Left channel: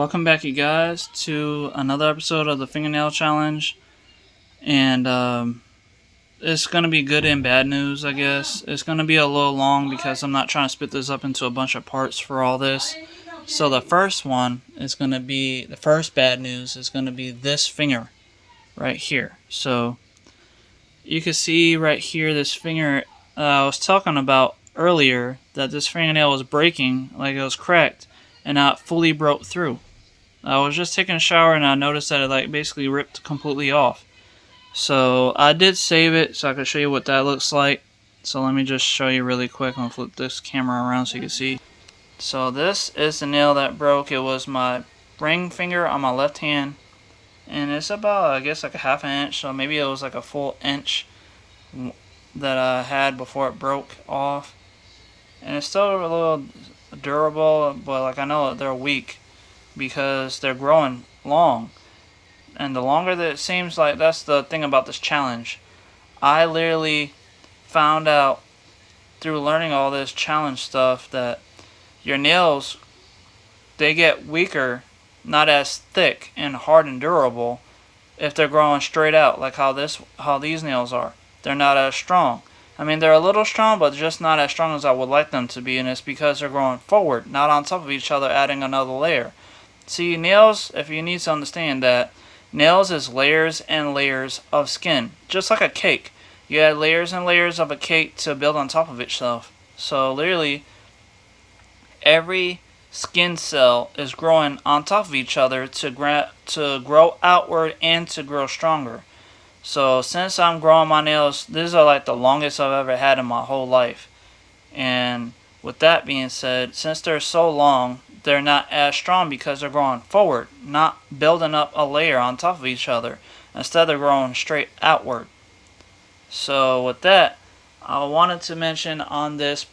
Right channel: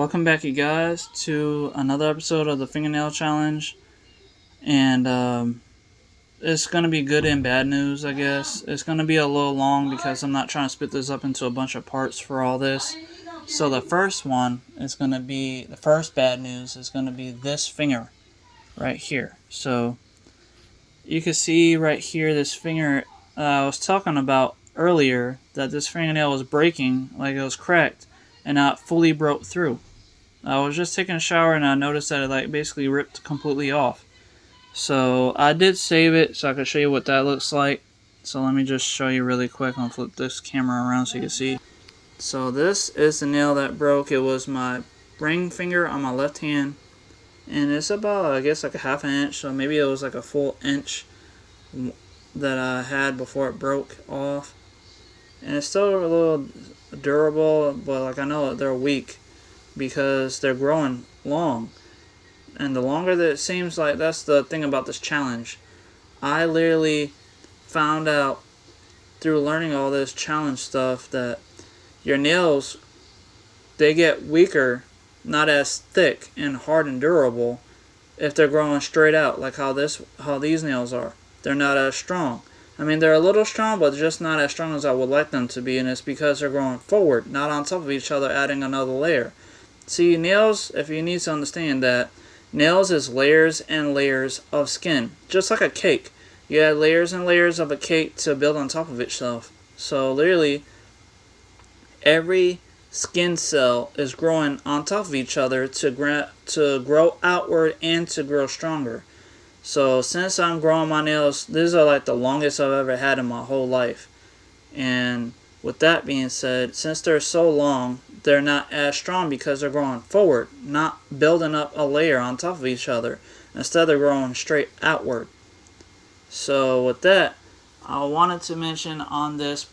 Welcome back, you guys, to another episode of the Fingernail Challenge. And it's going to be good and bad news, I guess. It's going to be a little long because I'm not trying to split this up into a bunch of parts for all this. So the first one is going to be, the first bad news is going to be this finger right here. So you can see right here this finger I was talking about earlier, that this fingernail was breaking, like it was cracked, and not fully broke through. I was just taking a shower and I noticed that it basically ripped completely off. So I did save it so I could show you what that looks like. So let me just show you really quick. I'm gonna flip this camera around so you can see. So this is the nail that broke. It was my ring finger on my left hand, and it's about, I guess, like a half an inch. So maybe it was like a full inch that I had before it broke off. And it's still a little durable, but like I know they're weak because they're growing long. And the longer that it seems, like that's the thing about this challenge. I literally found out through learning all this challenge stuff that your nails, they get weaker, not as thick and hard and durable if they're growing straight out, like how these nails are. They're not as strong. I mean, they're a little strong, but just not as strong as I would like them to be, and it's because they're growing forward, not on top of each other, adding another layer. See, nails, if you need to understand that, nails is layers and layers of skin, just like a cake. You add layers and layers of a cake to build on top of itself. So literally, every skin cell is growing on top of each other to grow outward and to grow stronger. So since I'm growing my nails, these are like the longest I've ever had in my whole life. And with that being said, since they're so long, they're not as strong because they're growing forward, not building up a layer on top of each other. Instead, they're growing straight outward. So with that, I wanted to mention on this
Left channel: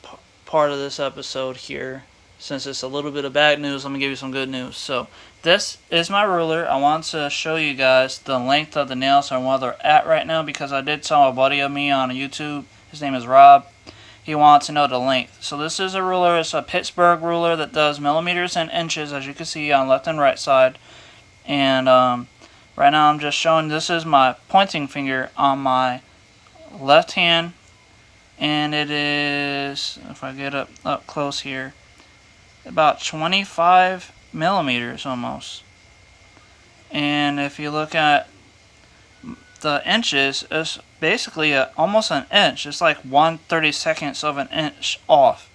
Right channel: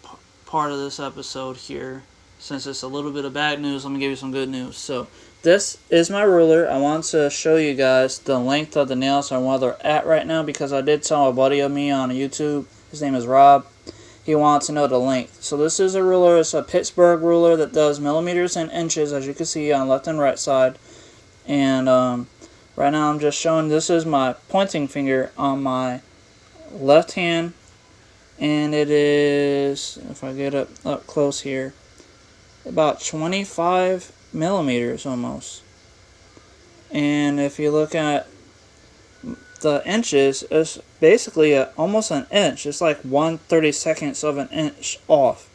part of this episode here, since it's a little bit of bad news, let me give you some good news. So this is my ruler. I want to show you guys the length of the nails and where they're at right now, because I did tell a buddy of me on YouTube, his name is Rob, he wants to know the length. So this is a ruler. It's a Pittsburgh ruler that does millimeters and inches, as you can see on left and right side. And right now I'm just showing, this is my pointing finger on my left hand, and it is, if I get up close here, about 25 millimeters almost. And if you look at the inches, it's basically almost an inch. It's like 1/32 of an inch off.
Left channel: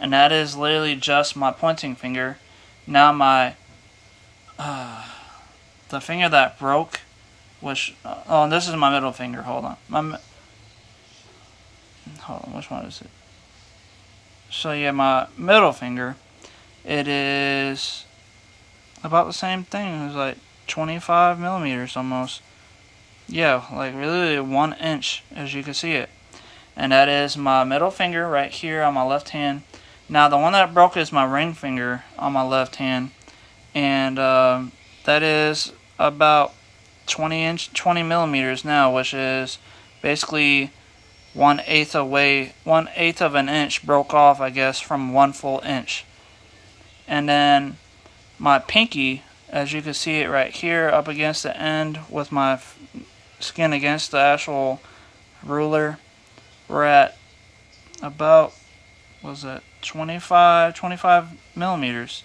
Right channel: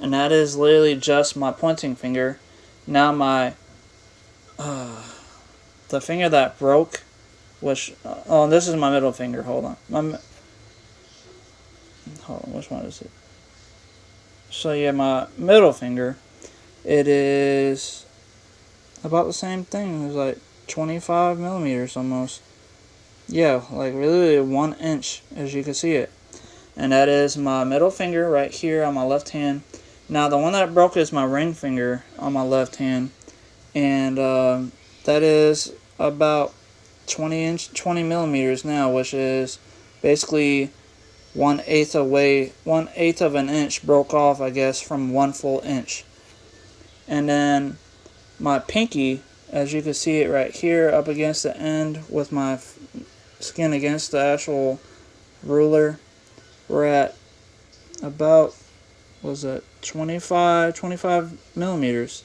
And that is literally just my pointing finger. Now my the finger that broke, which this is my middle finger. Hold on, which one is it? So yeah, my middle finger, it is about the same thing. It was like 25 millimeters almost. Yeah, like really 1 inch, as you can see it. And that is my middle finger right here on my left hand. Now the one that broke is my ring finger on my left hand, and that is about 20 millimeters now, which is basically 1/8 of an inch broke off, I guess, from 1 full inch. And then my pinky, as you can see it right here up against the end with my skin against the actual ruler, we're at about, was it 25 millimeters,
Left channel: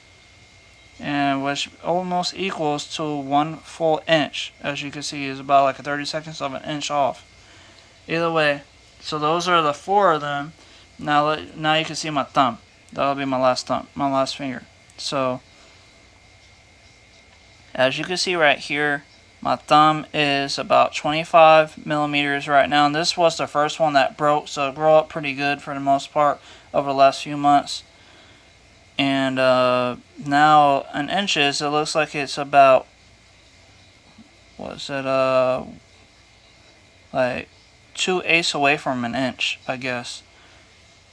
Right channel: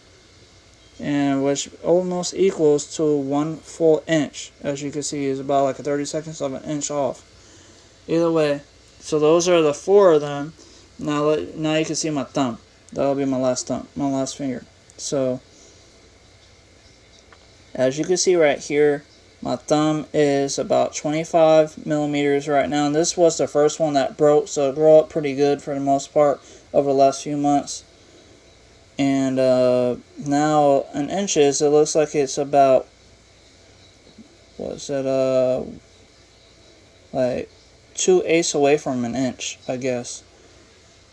and which almost equals to 1 full inch, as you can see is about like a 32 of an inch off. Either way, so those are the 4 of them. Now you can see my thumb. That'll be my last finger. So as you can see right here, my thumb is about 25 millimeters right now, and this was the first one that broke, so it grew up pretty good for the most part over the last few months. And now in inches, it looks like it's about, like 2/8 away from an inch, I guess.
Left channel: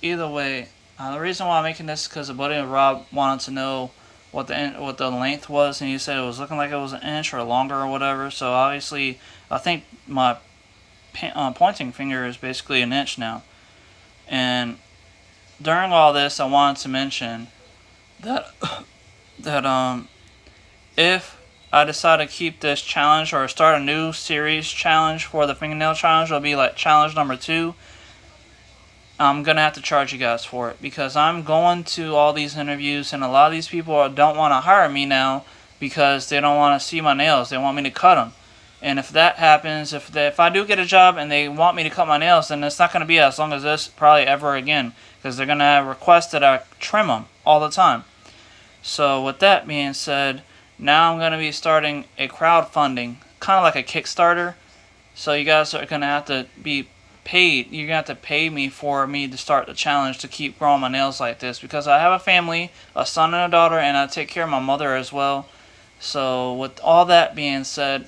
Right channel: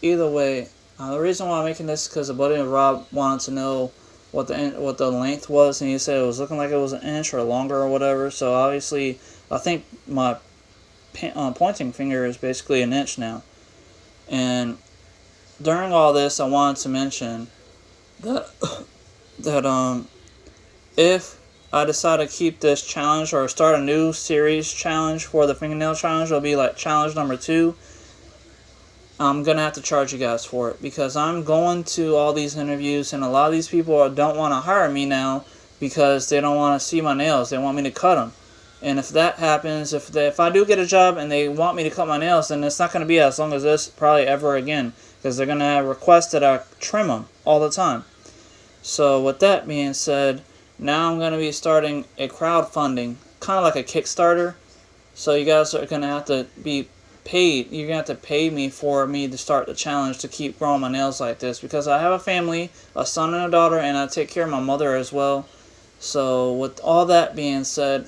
Either way, the reason why I'm making this is because a buddy of Rob wanted to know what the length was, and he said it was looking like it was an inch or longer or whatever. So obviously, I think my pointing finger is basically an inch now. And during all this, I wanted to mention that if I decide to keep this challenge or start a new series challenge for the fingernail challenge, it'll be like challenge number 2. I'm gonna have to charge you guys for it because I'm going to all these interviews and a lot of these people don't want to hire me now because they don't want to see my nails. They want me to cut them. And if that happens, if I do get a job and they want me to cut my nails, then it's not going to be as long as this probably ever again because they're going to request that I trim them all the time. So with that being said, now I'm going to be starting a crowdfunding, kind of like a Kickstarter. So you guys are going to have to be paid. You're going to have to pay me for me to start the challenge to keep growing my nails like this because I have a family, a son and a daughter, and I take care of my mother as well. So with all that being said,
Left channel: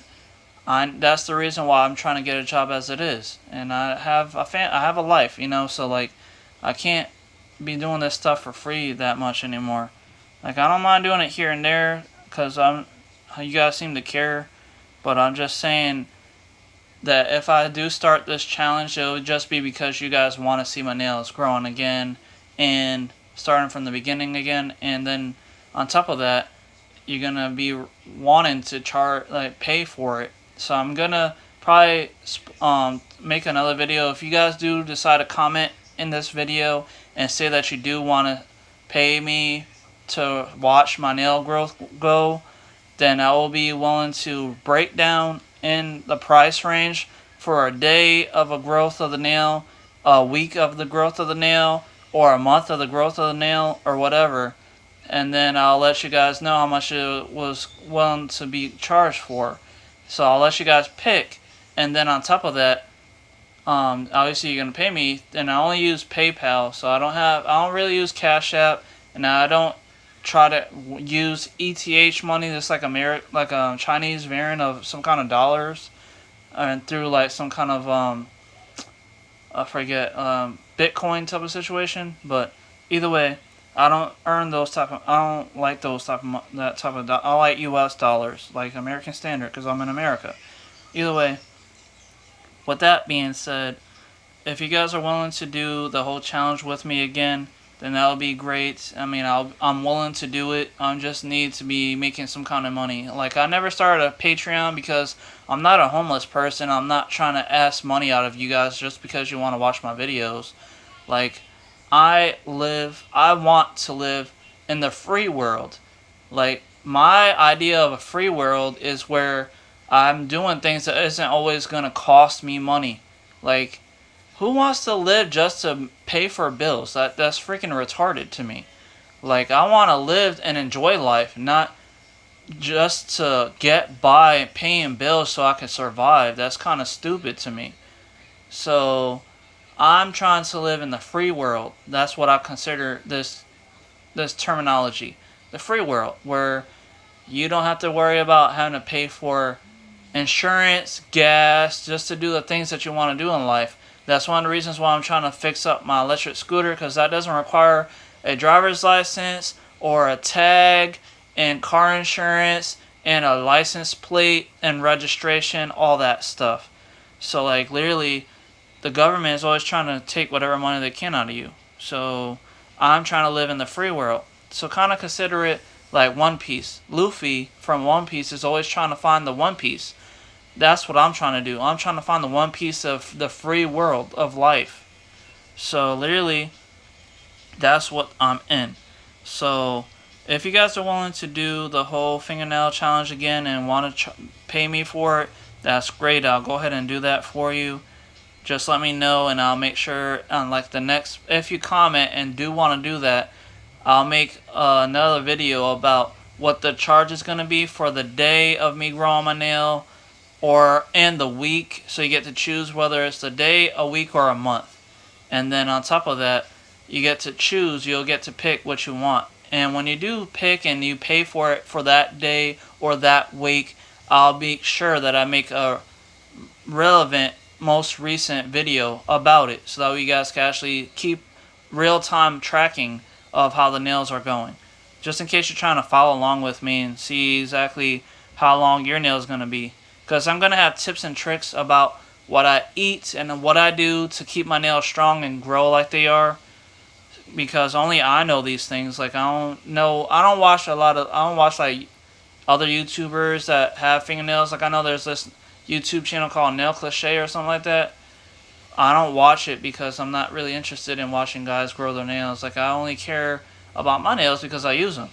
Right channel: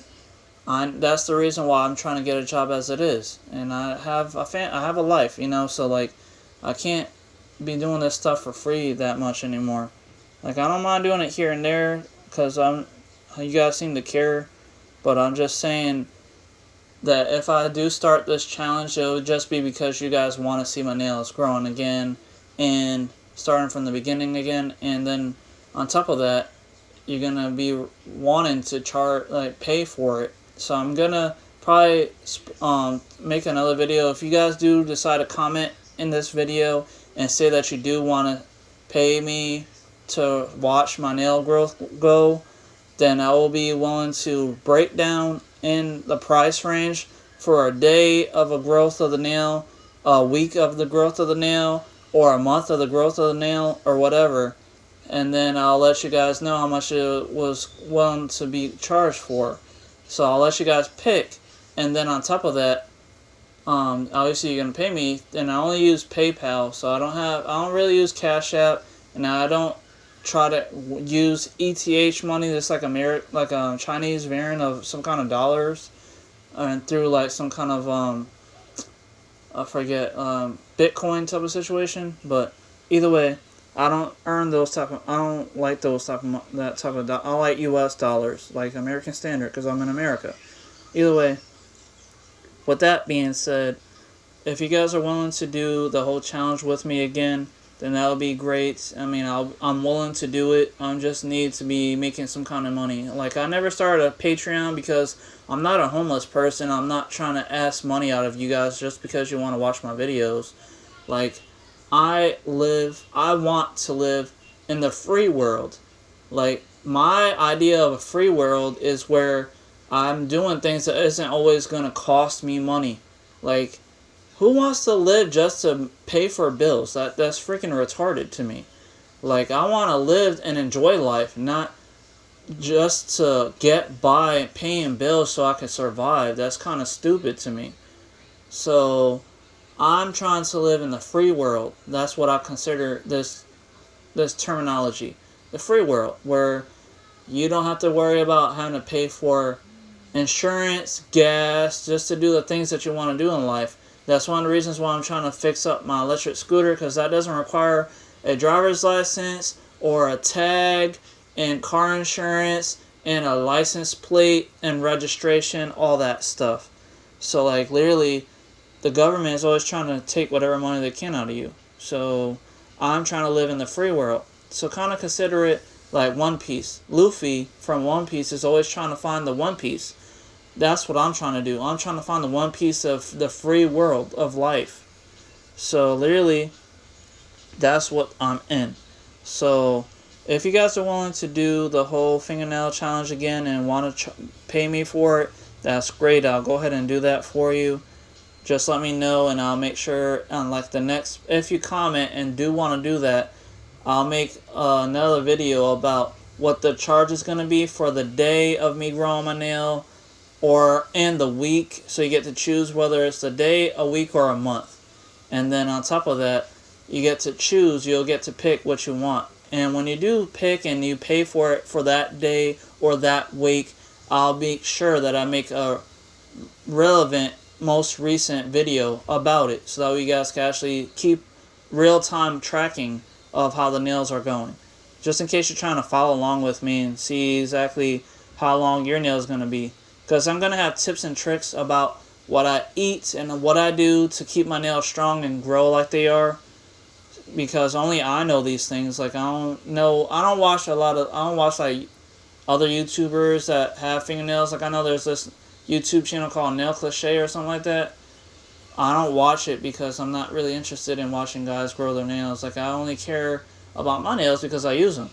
that's the reason why I'm trying to get a job as it is, and I have a life, so like I can't be doing this stuff for free that much anymore. Like I don't mind doing it here and there because you guys seem to care, but I'm just saying that if I do start this challenge, it would just be because you guys want to see my nails growing again and starting from the beginning again, and then on top of that, you're gonna be wanting to pay for it. So I'm gonna probably make another video. If you guys do decide to comment in this video and say that you do want to pay me to watch my nail growth go, then I will be willing to break down in the price range for a day of a growth of the nail, a week of the growth of the nail, or a month of the growth of the nail, or whatever. And then I'll let you guys know how much it was willing to be charged for. So I'll let you guys pick, and then on top of that, obviously you're gonna pay me. And I only use PayPal, so I don't really use Cash App, and I don't try to use ETH money. That's like a Chinese variant of some kind of dollars, and through like some kind of I forget Bitcoin type of situation. But either way, I don't like that type of I like US dollars, like American Standard, because I'm in America. Either way, with that being said, if you guys are willing to do the whole challenge with me again, then that'll be great. I mean, I'm willing to do it. I just need to be making some kind of money. Like, I never started a Patreon because I'm not a homeless person. I'm not trying to ask money out of you guys just because you want to watch my videos. Like, I want to live in the free world. Like, my idea of a free world is where I'm doing things that isn't always going to cost me money. Like, who wants to live just to pay for bills? That's freaking retarded to me. Like, I want to live and enjoy life, not just to get by paying bills so I can survive. That's kind of stupid to me. So I'm trying to live in the free world. That's what I consider this terminology. The free world, where you don't have to worry about having to pay for insurance, gas, just to do the things that you want to do in life. That's one of the reasons why I'm trying to fix up my electric scooter, because that doesn't require a driver's license or a tag and car insurance and a license plate and registration, all that stuff. So, like, literally, the government is always trying to take whatever money they can out of you. So I'm trying to live in the free world. So kind of consider it like One Piece. Luffy from One Piece is always trying to find the One Piece. That's what I'm trying to do. I'm trying to find the One Piece of the free world of life. So literally, that's what I'm in. So if you guys are willing to do the whole fingernail challenge again and want to pay me for it, that's great. I'll go ahead and do that for you. Just let me know, and I'll make sure on like the next, if you comment and do want to do that, I'll make another video about what the charge is going to be for the day of me growing my nail, and the week. So you get to choose whether it's the day, a week, or a month. And then on top of that, you get to choose, you'll get to pick what you want. And when you do pick and you pay for it for that day or that week, I'll make sure that I make a relevant, most recent video about it, so that you guys can actually keep real-time tracking of how the nails are going. Just in case you're trying to follow along with me and see exactly how long your nail is going to be. Because I'm going to have tips and tricks about what I eat and what I do to keep my nails strong and grow like they are. Because only I know these things. Like, I don't watch like other YouTubers that have fingernails. Like I know there's this YouTube channel called Nail Cliche or something like that. I don't watch it because I'm not really interested in watching guys grow their nails. Like I only care about my nails because I use them.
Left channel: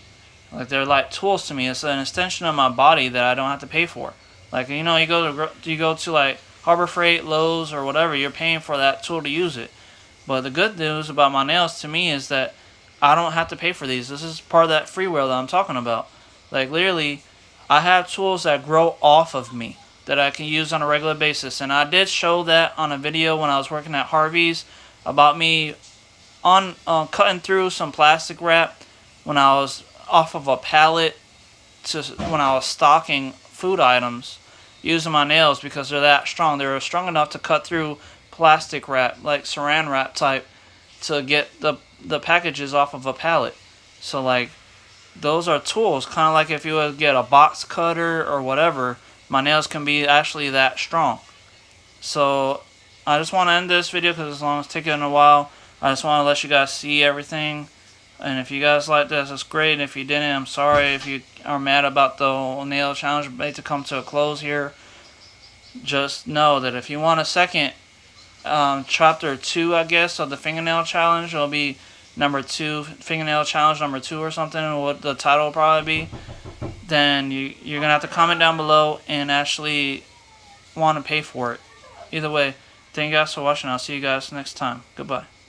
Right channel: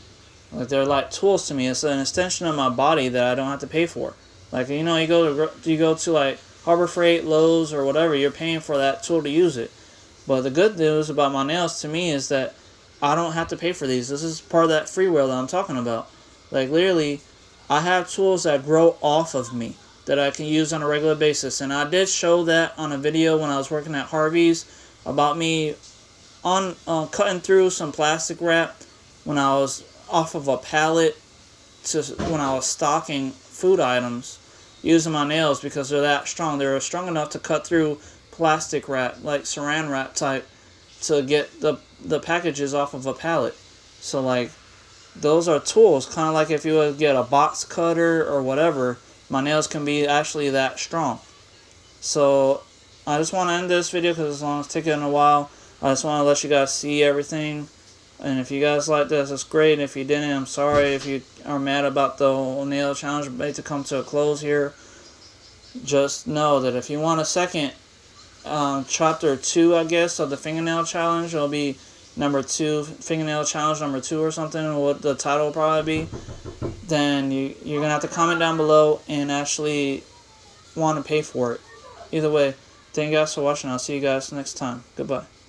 Like they're like tools to me. It's an extension of my body that I don't have to pay for. Like you know, you go to like Harbor Freight, Lowe's, or whatever. You're paying for that tool to use it. But the good news about my nails to me is that I don't have to pay for these. This is part of that freeware that I'm talking about. Like literally, I have tools that grow off of me that I can use on a regular basis. And I did show that on a video when I was working at Harvey's about me on cutting through some plastic wrap when I was off of a pallet to when I was stocking food items using my nails because they're that strong. They're strong enough to cut through plastic wrap, like saran wrap type, to get the packages off of a pallet. So like those are tools, kind of like if you would get a box cutter or whatever, my nails can be actually that strong. So I just want to end this video because as long as it's taking a while, I just want to let you guys see everything. And if you guys like this, it's great. And if you didn't, I'm sorry if you are mad about the whole nail challenge made to come to a close here. Just know that if you want a second chapter 2, I guess, of the fingernail challenge, it'll be number 2, fingernail challenge number 2 or something, what the title will probably be, then you're gonna have to comment down below and actually want to pay for it. Either way, thank you guys for watching. I'll see you guys next time. Goodbye.